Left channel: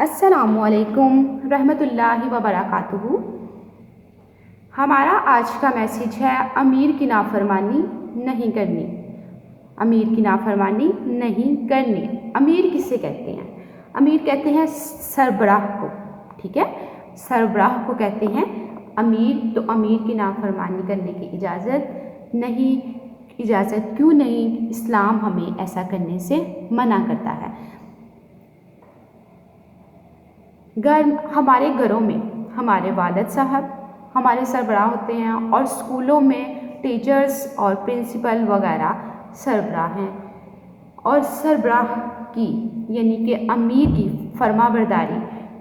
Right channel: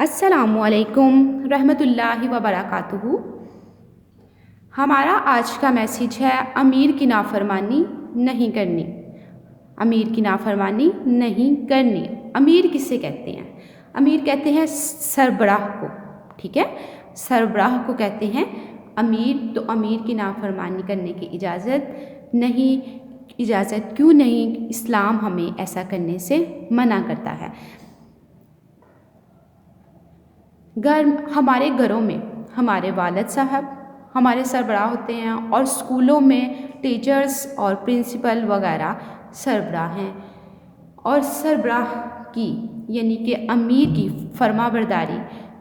अस्सलामुअलैकुम रहमतुल्लाहि व बरकातुहू। हमारा आज का मैसेज है अमीर की नाफरमानी नहीं करनी। अमीर की नाफरमानी नहीं करनी। अमीर किसे कहते हैं? अमीर कहते हैं सरबराह को। ठीक है, सरबराह को कहते हैं अमीर। तो अमीर की नाफरमानी करने की इजाज़त नहीं। इजाज़त क्यों नहीं? इस्लाम हमें ऐसा करने से मना करता है। हमारे घरों में हमारे वालिद साहब हमारे सरबराह होते हैं और स्कूलों में टीचर्स और प्रिंसिपल वगैरह सरबराह हैं। और सरबराह की यानी कि अमीर की फरमाबरदारी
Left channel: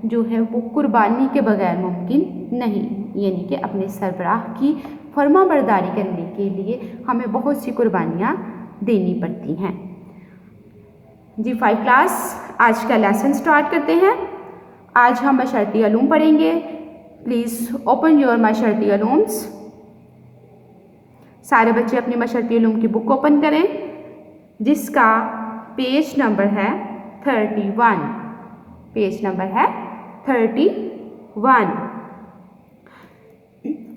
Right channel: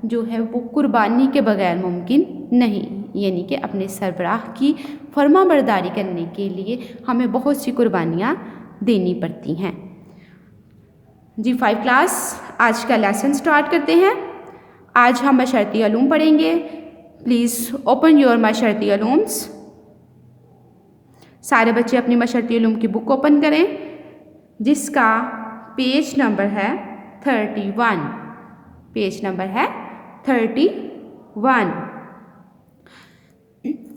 जो है वो कुर्बानी के बगैर मुमकिन नहीं। यानी कि अपने सरबराह की फरमाबरदारी करने के लिए हमें बहुत सी कुर्बानियाँ देनी पड़ती हैं। जी 5 क्लास आज का लेसन स्टार्ट करते हैं। आज हम मशरती उलूम पढ़ेंगे। प्लीज़ ओपन योर मशरती उलूम्स। सारे बच्चे अपनी मशरती उलूम की बुक ओपन करें जिसका पेज नंबर है 31। पेज नंबर है 31।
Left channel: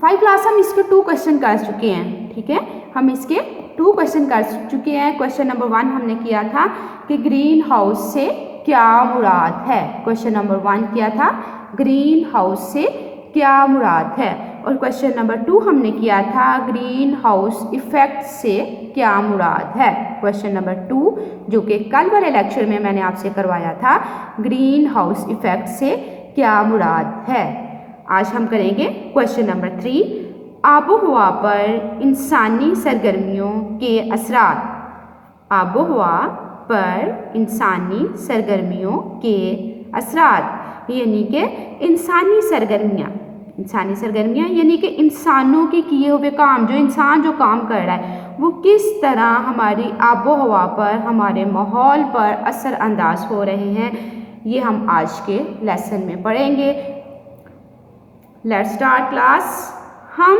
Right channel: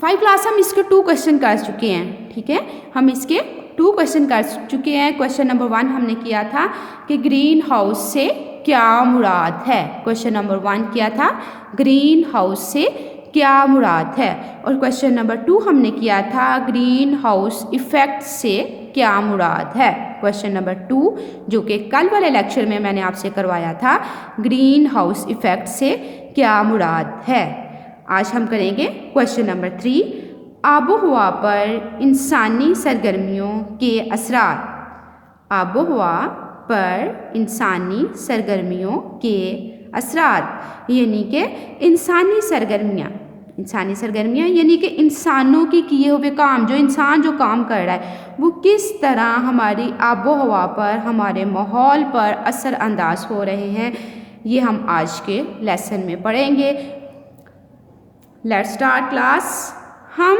5 क्लास हम इसके 2 क्वेश्चन कर चुके हैं। ठीक है, हम इसके 2 क्वेश्चन कर चुके हैं। क्वेश्चन नंबर 1 हमने किया था कि ग्रीन हाउस से क्या मुराद है। क्वेश्चन नंबर 1 किया था ग्रीन हाउस से क्या मुराद है। और क्वेश्चन नंबर 2 हमने किया था ग्रीन हाउस इफेक्ट से क्या मुराद है। क्वेश्चन नंबर 2 जो कि कल वाले लेक्चर में मैंने आपसे करवाया था, ग्रीन हाउस इफेक्ट से क्या मुराद है। आज हम करेंगे क्वेश्चन नंबर 3, आबोहवा पर इंसानी सरगर्मियों के असरात। आबोहवा पर इंसानी सरगर्मियों के असरात यानी कि इंसानी सरगर्मियाँ यानी कि इंसानों के किए हुए काम, जो इंसान जो काम कर रहा है वो किस तरह हमारी आबो हवा पर, हमारे माहौल पर असर अंदाज हो रहे हैं, ये हम आज के लेसन में पढ़ेंगे। Let's start class. हम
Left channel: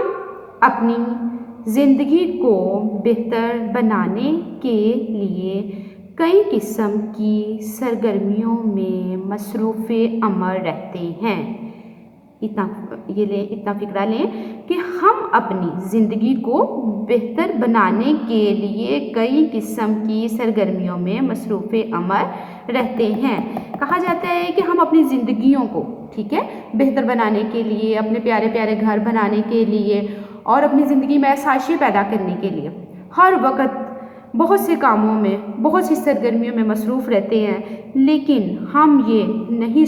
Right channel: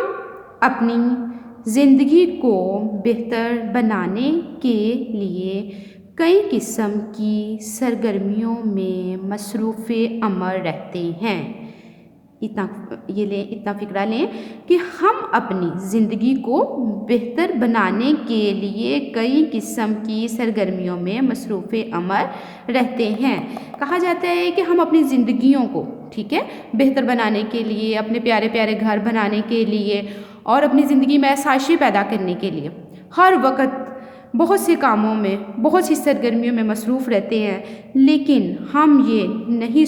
अपनी ज़िंदगी को बेहतर बनाने के लिए कई किस्म की सरगर्मियों में मसरूफ़ अमल रहते हैं। इतना फ़िक्रा लें कि हम अपनी ज़िंदगी को बेहतर बनाने के लिए कई किस्म की सरगर्मियों में मसरूफ़ अमल रहते हैं। कहा जाता है कि हम अपनी ज़िंदगियों को, ठीक है, बेहतर बनाने के लिए, अपने प्यारे प्यारे घर बनाने के लिए और अपनी ज़िंदगी में आसाइशें पैदा करने के लिए हर वक्त बहुत से कामों में, बहुत सी सरगर्मियों में मसरूफ़ रहते हैं। लेकिन हम ये नहीं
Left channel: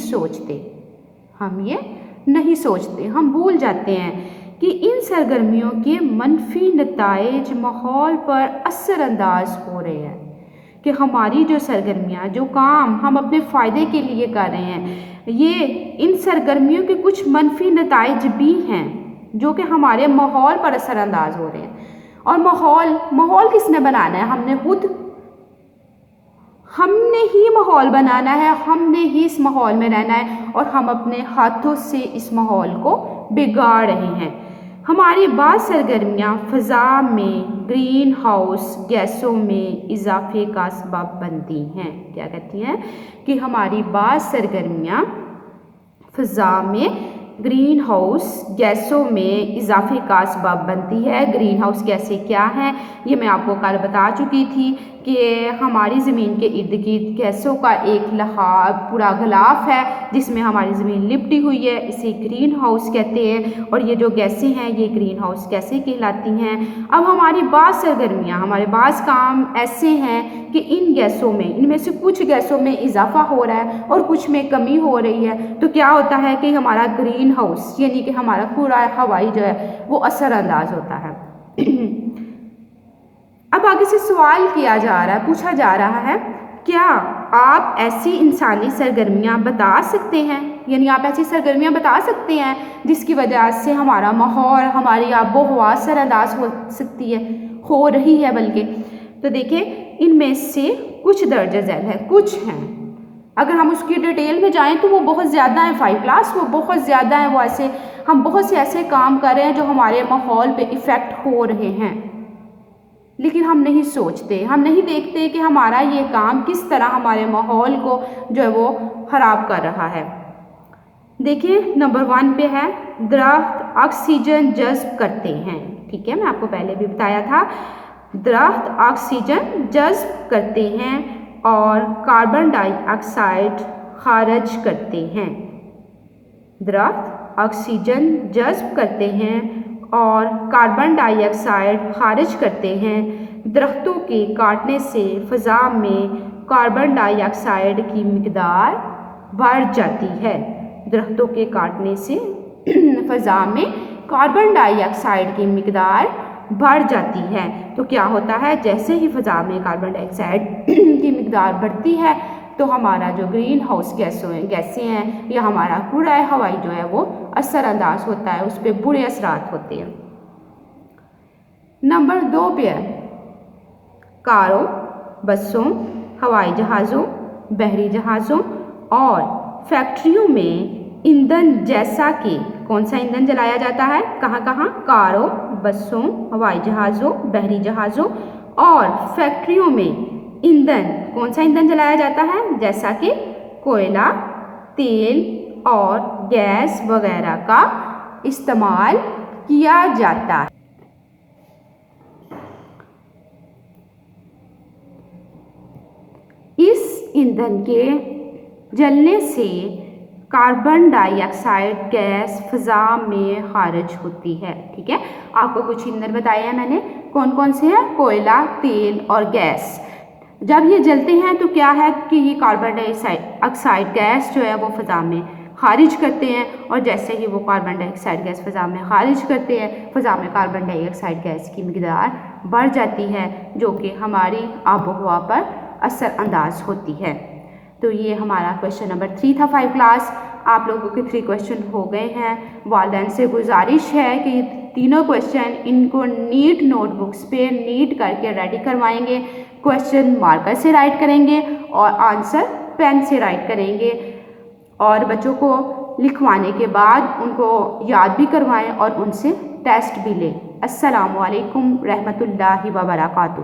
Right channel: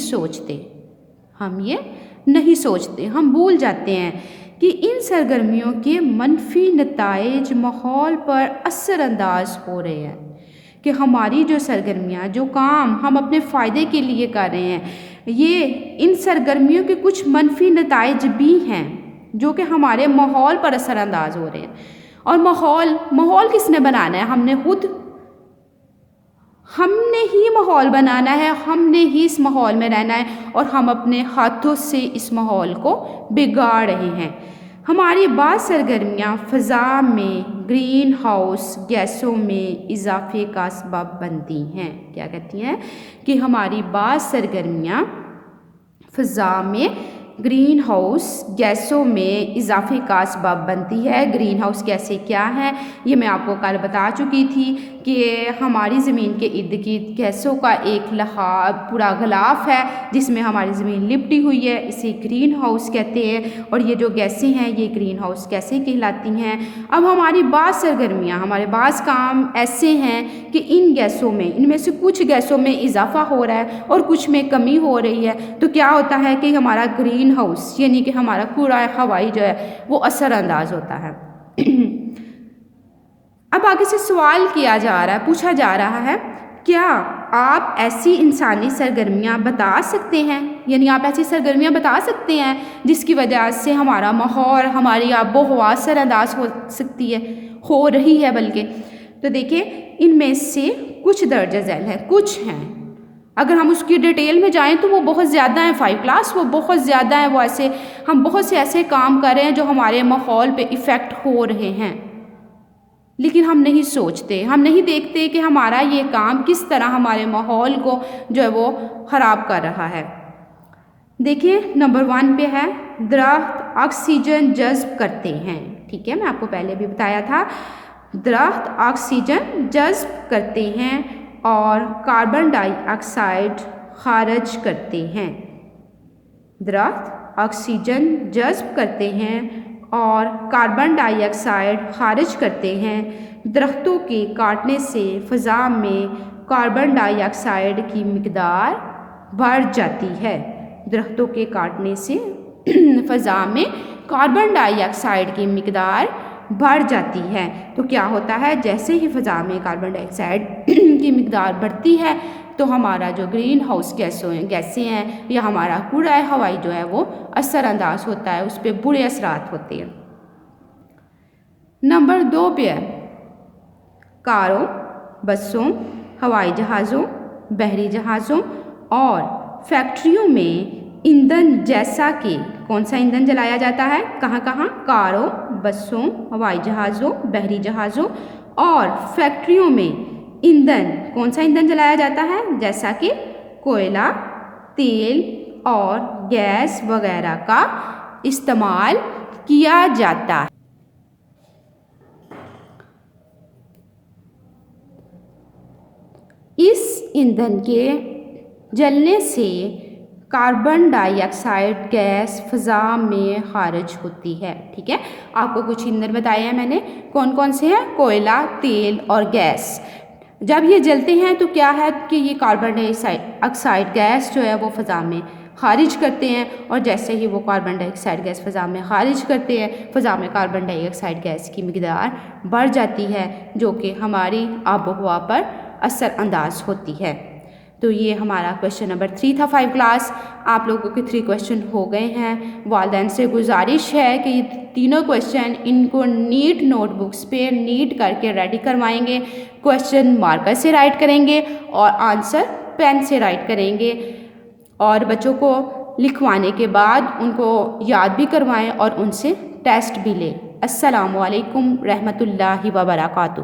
सोचते, हम भूल जाते हैं कि इन सरगर्मियों के मनफी नताइज माहौल पर असरअंदाज हो रहे हैं। कि हमारी जो सरगर्मियाँ, जो काम हम अपने फ़ायदे के लिए कर रहे हैं, ये इन सरगर्मियों के कुछ मनफी नताइज भी हैं जो कि हमारे माहौल पर असरअंदाज हो रहे हैं। और माहौल किसने बनाना है? हमने ही माहौल बनाना है, हमने ही इस माहौल में रहना है और हम अपने हाथों से इस माहौल को बिगाड़ रहे हैं। हमारी बात सरगर्मियाँ फ़ज़ा में ग्रीन हाउस गैसों में इजाफे का सबब बनती हैं। क्या कहती हैं? कि हमारी बात सरगर्मियाँ फ़ज़ा में ग्रीन हाउस गैसों में इजाफे का सबब बनती है। ग्रीन हाउस गैसें क्या हैं ये मैं आपको कल बता चुकी थी कि हमारी ज़मीन के इर्द गिर्द गैसों का एक पूरा गिलाफ है जिसमें हमारी ज़मीन लिपटी हुई है, इसे ग्रीन हाउस कहते हैं। और ये जो गैसें हैं ये ग्रीन हाउस गैसें कहलाती हैं। अब हमारी बाज़ सरगर्मियाँ, हमारे बाज़ काम ऐसे हैं कि इन गैसों में, इनमें से कुछ गैसों में इजाफा हो रहा है और कुछ में कमी हो रही है। तो क्या होता है कि हमारा ग्रीन हाउस यानी कि हमारा पूरा हवाई जो है वो असरअंदाज होता है। अब आगे से सवाल किया जा रहा है, पूछा जा रहा है, क्या आप ऐसी इंसानी सरगर्मियाँ बता सकते हैं? यानी आप ऐसी सरगर्मियाँ बता सकते हैं जिसकी वजह से हमारा माहौल, हमारी आबो हवा असरअंदाज हो रही है बल्कि। तो देखिए इनमें से कुछ दर्ज झैल है, कुछ हैं। अगर हम उसकी डिटेल में जाएं तो वो बहुत ज़्यादा है 5 क्लास, वो बहुत ज़्यादा है। वो ऐसे हम बहुत से ऐसे काम कर रहे हैं जो हमारे माहौल पे इफ़ेक्ट हो रहे हैं। लेकिन हम नहीं सोचते, हम नहीं देखते कि हमारा ये काम किस तरह हमारे माहौल को जो है वो ख़राब कर रहा है। देखिए नंबर 1 पे है, दरख्त ऑक्सीजन जज्ब करते हैं। ठीक है, मैं आपको पहले भी बताया था, दरख्त ऑक्सीजन जज्ब करते हैं और कार्बन डाइऑक्साइड खारिज करते हैं। दरख्त ऑक्सीजन जज्ब करते हैं और कार्बन डाइऑक्साइड खारिज करते हैं। दरख्तों के काटने से फ़ज़ा में कार्बन डाइऑक्साइड की मिक़दार बढ़ जाती है। दरख्तों के काटने से फ़ज़ा में कार्बन डाइऑक्साइड की मिक़दार बढ़ जाती है। तो क्या होता है, जैसे ही फ़ज़ा में कार्बन डाइऑक्साइड की मिक़दार बढ़ती है तो हमारा जो ग्रीन हाउस गैसें हैं या हमारा कूड़ा हवाई जो है वो असरअंदाज होता है, उस पर बुरे असरात होते हैं। नंबर 2 पे है, कारों, बसों, हवाई जहाज़ों, बहरी जहाज़ों और फैक्ट्रियों में ईंधन जैसा कि कौन सा ईंधन जलाया जाता है, कहाँ कहाँ, कारों, बसों, हवाई जहाज़ों, बहरी जहाज़ों और फैक्ट्रियों में ईंधन, कौन सा ईंधन जलाया जाता है, जैसा कि कोयला, तेल और गैस वगैरह का इस्तेमाल किया जाता है। इस ईंधन के जलने से कार्बन डाइऑक्साइड गैस फ़ज़ा में खारिज होती है। ठीक है, आपको कुछ ईंधन बताए हैं मैंने, कौन कौन से हैं, कोयला, तेल और गैस। जब ये जलते हैं तो क्या है कि ये कार्बन डाइऑक्साइड गैस जो है वो फ़ज़ा में खारिज करते हैं और जैसे ही वो कार्बन डाइऑक्साइड गैस फ़ज़ा में खारिज करते हैं, फ़ज़ा में कार्बन डाइऑक्साइड गैस की मिक़दार बढ़ जाती है जो कि हमारी आबो हवा पर असरअंदाज होती है। तो ये हमारा क्वेश्चन नंबर 3 था 5 क्लास। आप लोगों के 3 क्वेश्चन हो गए हैं। वालिदैन से गुजारिश है कि ये तीनों क्वेश्चन इनको नीट नोटबुक्स पे नीट करके रेडी करवाएंगे। क्वेश्चन मार्कर से राइट करेंगे और आंसर पेन से राइट करेंगे और बच्चों को लिखवाने के बाद उनको याद भी करवाएं और उनसे टेस्ट भी लें। अस्सलामु अलैकुम रहमतुल्लाहि व बरकातुहू।